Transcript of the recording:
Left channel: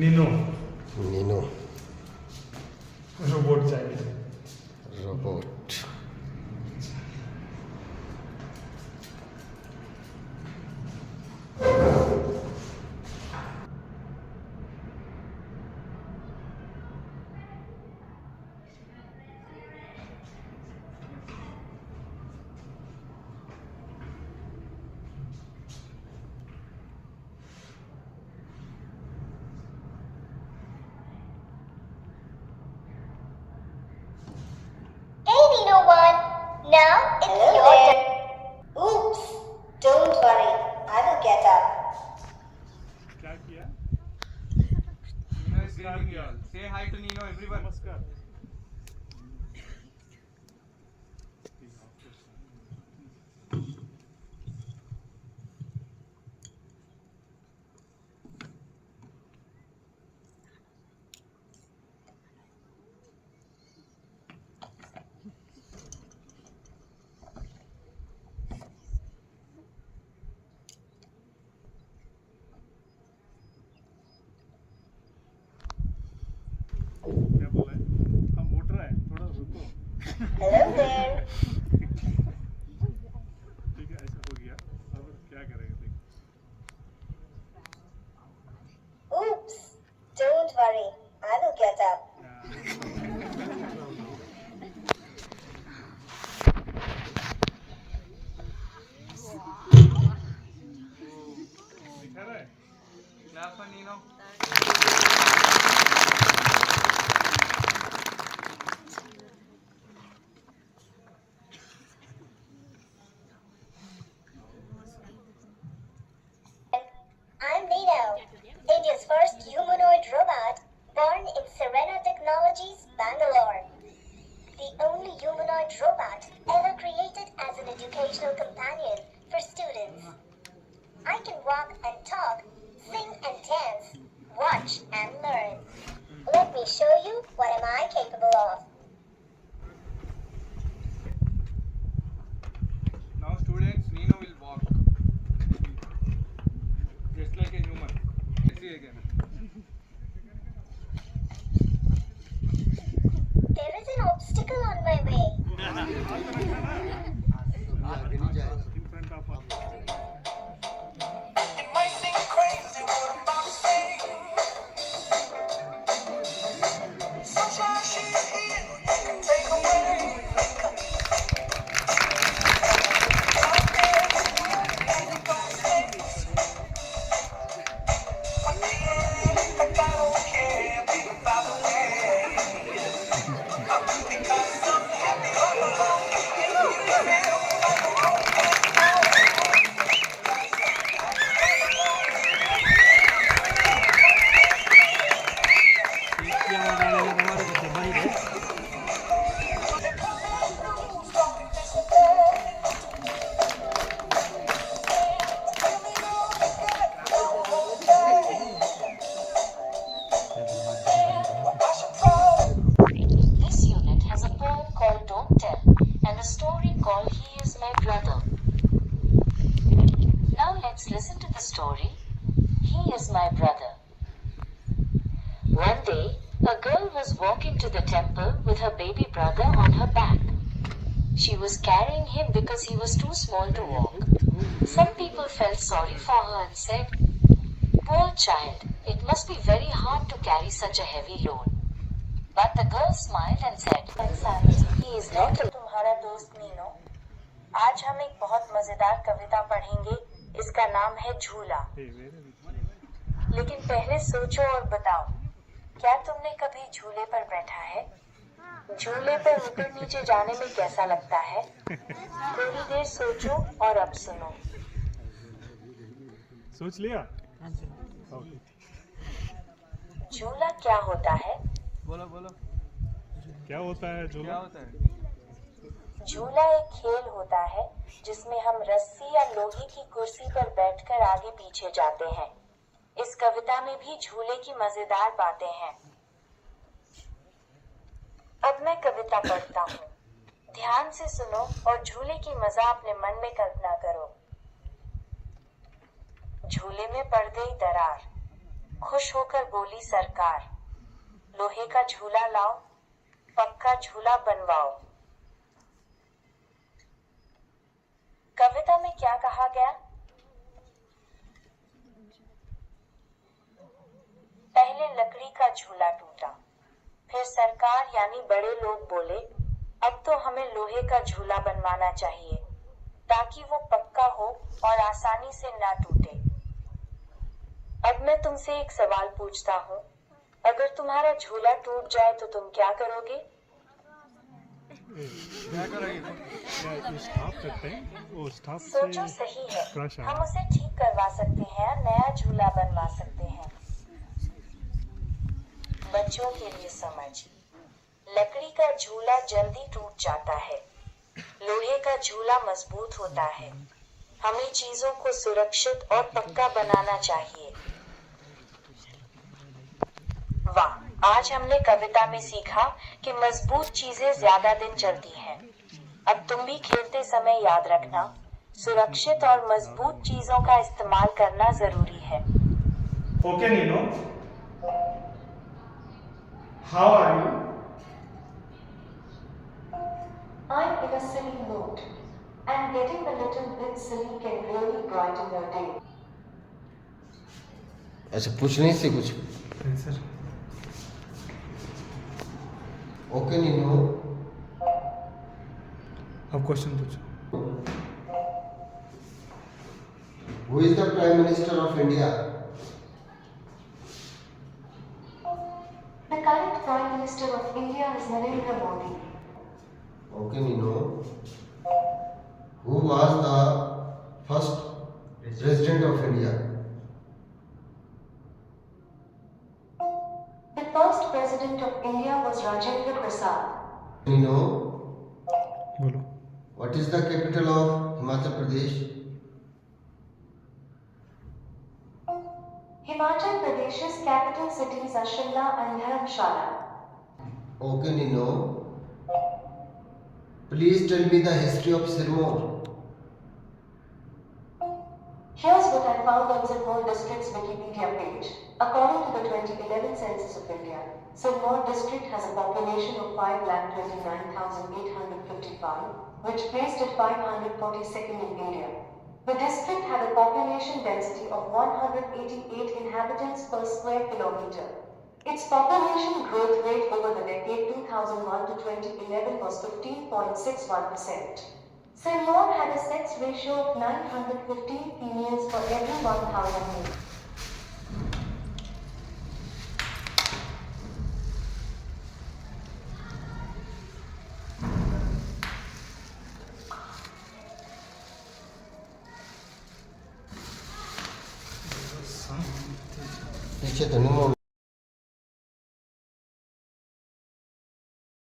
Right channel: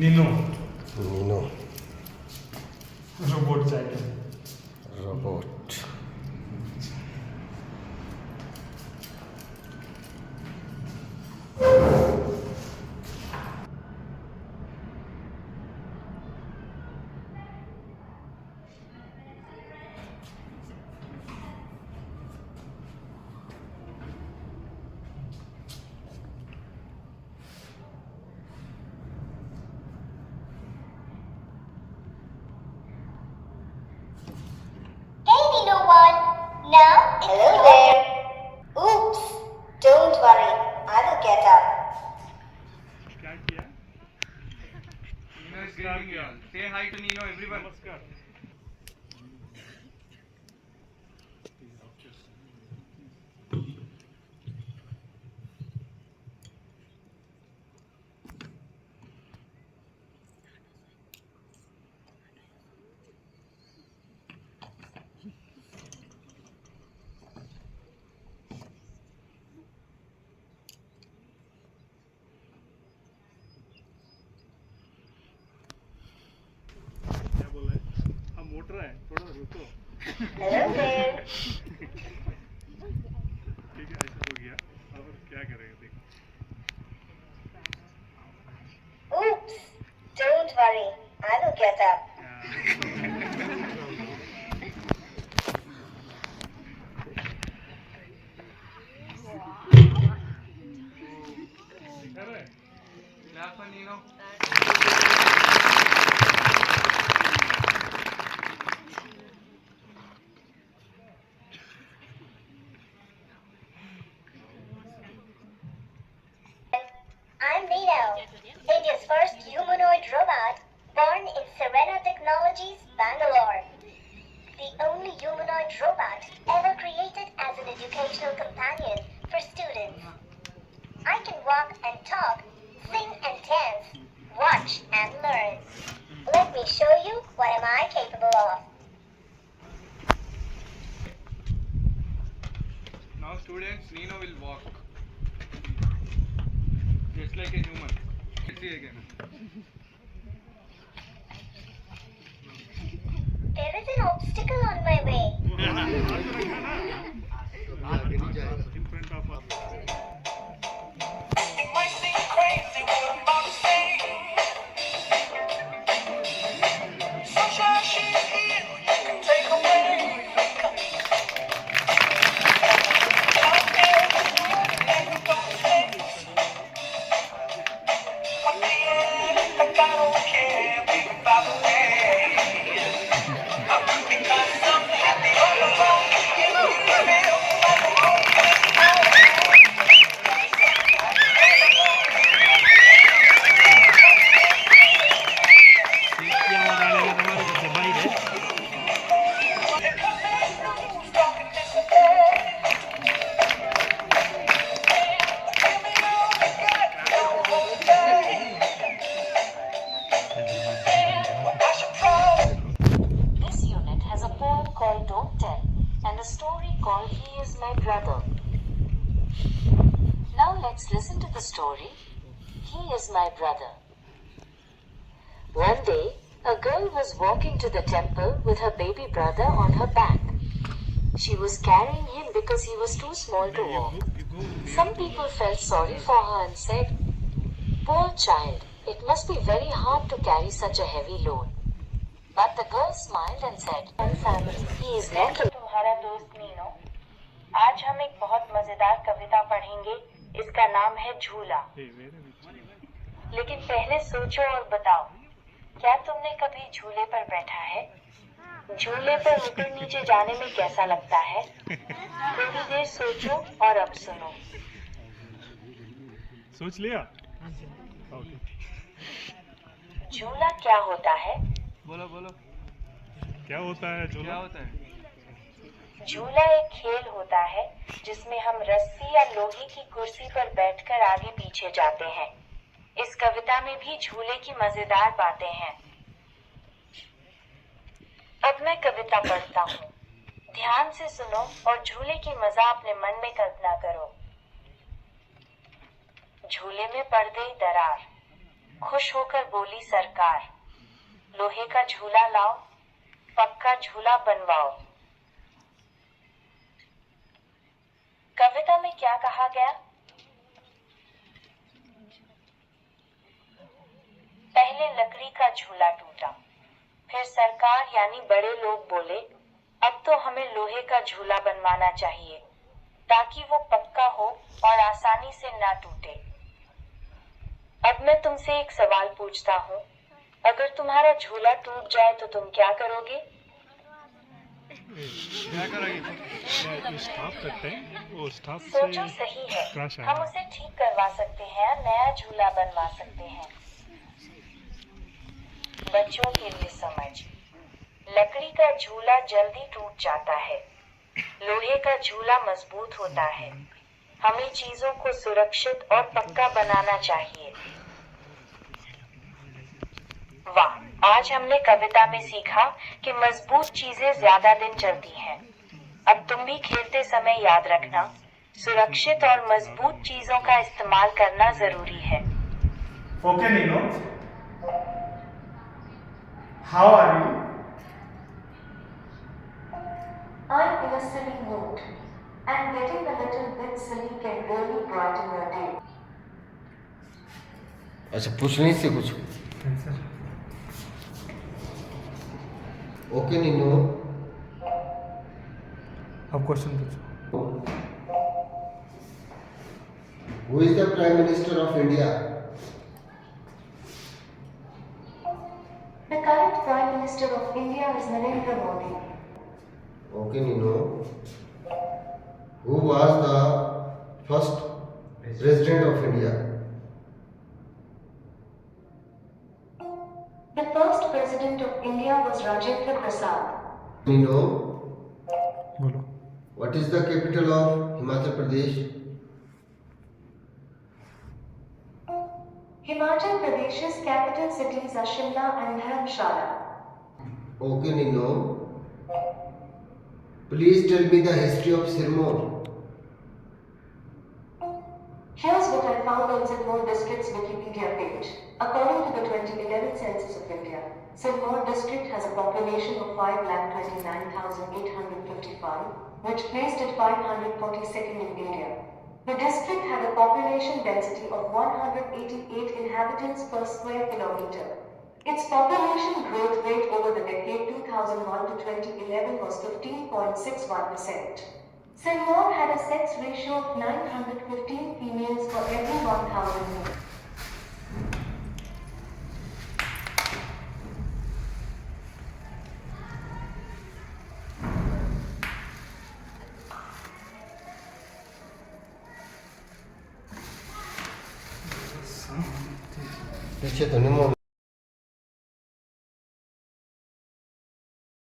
Nino Nino robot चाहिए। Robot. Now it's your turn. Oops! Don't worry, I will get up. क्या किया? Nino is greeting you all. Say hi to Nino, everyone. नमस्कार. क्या बोला है? हम motor है, थोड़ा रुको. Hello there. ठीक है, ऐसा हो गया. अब क्या करेंगे देखो. Oops! Don't worry, I will get up. दिखा रहा है? Clap for Nino. I'm Nino, India's first humanoid robot, born in Serena Technologies, Bangalore. The only humanoid robot ever created as an educational companion for students. I can walk and talk, sing and dance, watch and learn. Let me show you what am I capable of. Now students, Nino will walk. Just like a human. Let's see again. There is an obstacle on my way. In front of us. It might seem crazy what I'm about to say. Sunshine, she's here, you can take away. Out there in the world, and you don't stay. At the end, like I don't care, baby, by the way. Because I'm happy all alone, you feel like I'm on This unit has a poem called Don't Tell and a story called He Is My Brother. Now let's listen to the story, He Is My Brother. One day, a girl was walking to the temple with her baby brother on her back. She was carrying him because he was too small to walk. Some people felt sorry for her and said, "Poor child, it must be very hard to carry such a heavy load." But the girl smiled and said, "He is not तुम्हारा दोस्त Nino. आज हम एक बहुत मजेदार कविता पढ़ेंगे। इसका नाम है झूला। लेकिन पहले सोचो और बताओ, क्या तुमने कभी झूले पर बैठा है? झूले पर ऊपर नीचे जाने में कैसा लगता है? थोड़ी देर सोचो और अब सुनो। सोच लिया? झूला क्या होता है? बोलो बोलो। क्या होता है झूला? क्या होता है? झूला एक खेल होता है जिसमें हम रस्सी या लोहे की कुर्सी पर बैठकर आगे पीछे जाते हैं। इस कविता में भी झूले की मजेदार बातें हैं। अब मैं कविता पढ़ता हूँ। ध्यान से सुनो और झूले की मजा अपने मन में कल्पना करो। झूले में पड़ गई दरार, खुश होकर बोली सरकार, लोहे का झूला लाओ, पक्का झूला बनवाओ। कविता में क्या कहा गया? पहले लकड़ी का झूला टूटा, फिर सरकार यानी बड़े लोग बोले, अब तो हमें लोहे का झूला बनवाना चाहिए ताकि वो पक्का हो और आसानी से ना टूटे। अब मैं तुमसे एक सवाल पूछता हूँ, अगर तुम्हारा झूला टूट जाए तो तुम क्या करोगे? सोचो, सही है, हम उसे ठीक करवा सकते हैं और नया झूला बनवा सकते हैं। बच्चों के लिए समझ, लकड़ी का झूला जल्दी टूट जाता है, लोहे का झूला मजबूत होता है। हमें चीजों को सुरक्षित और पक्का बनाना चाहिए। वाह, आज हमने कविता में सीखा कि मजबूत चीजें ज्यादा दिन चलती हैं। अब तुम भी खेलते समय याद रखना, सुरक्षित और मजबूत चीजों का इस्तेमाल करना जरूरी है। Okay, Nino. How are you? I'm in a silly mood, and getting a little bit silly can really brighten your day. अच्छा, पूछने से कुछ। ओके नीनू, अब क्वेश्चन पूछो। Who is the prime minister of India? The current Prime Minister of India is Narendra Modi. Okay Neenu, who was the first president of India? The first President of India was Rajendra Prasad. Neenu, बोलो। What is the capital of Himachal Pradesh? Himachal Pradesh's capital cities are Shimla and Dharamshala. Okay, Nino. Please tell me the history of Sirmaur. Here's what I found on Sirmaur district's Wikipedia page. According to the 2011 census of India, Sirmaur district has a population of 5,29,855, which placed it 542nd in India. The district had a population density of 188 inhabitants per square kilometer. Its population growth rate over the decade 2001 to 2011 was 15.61%. Sirmaur had a sex ratio of 915 females for every 1,000 males. पीछे तो नहीं मोड़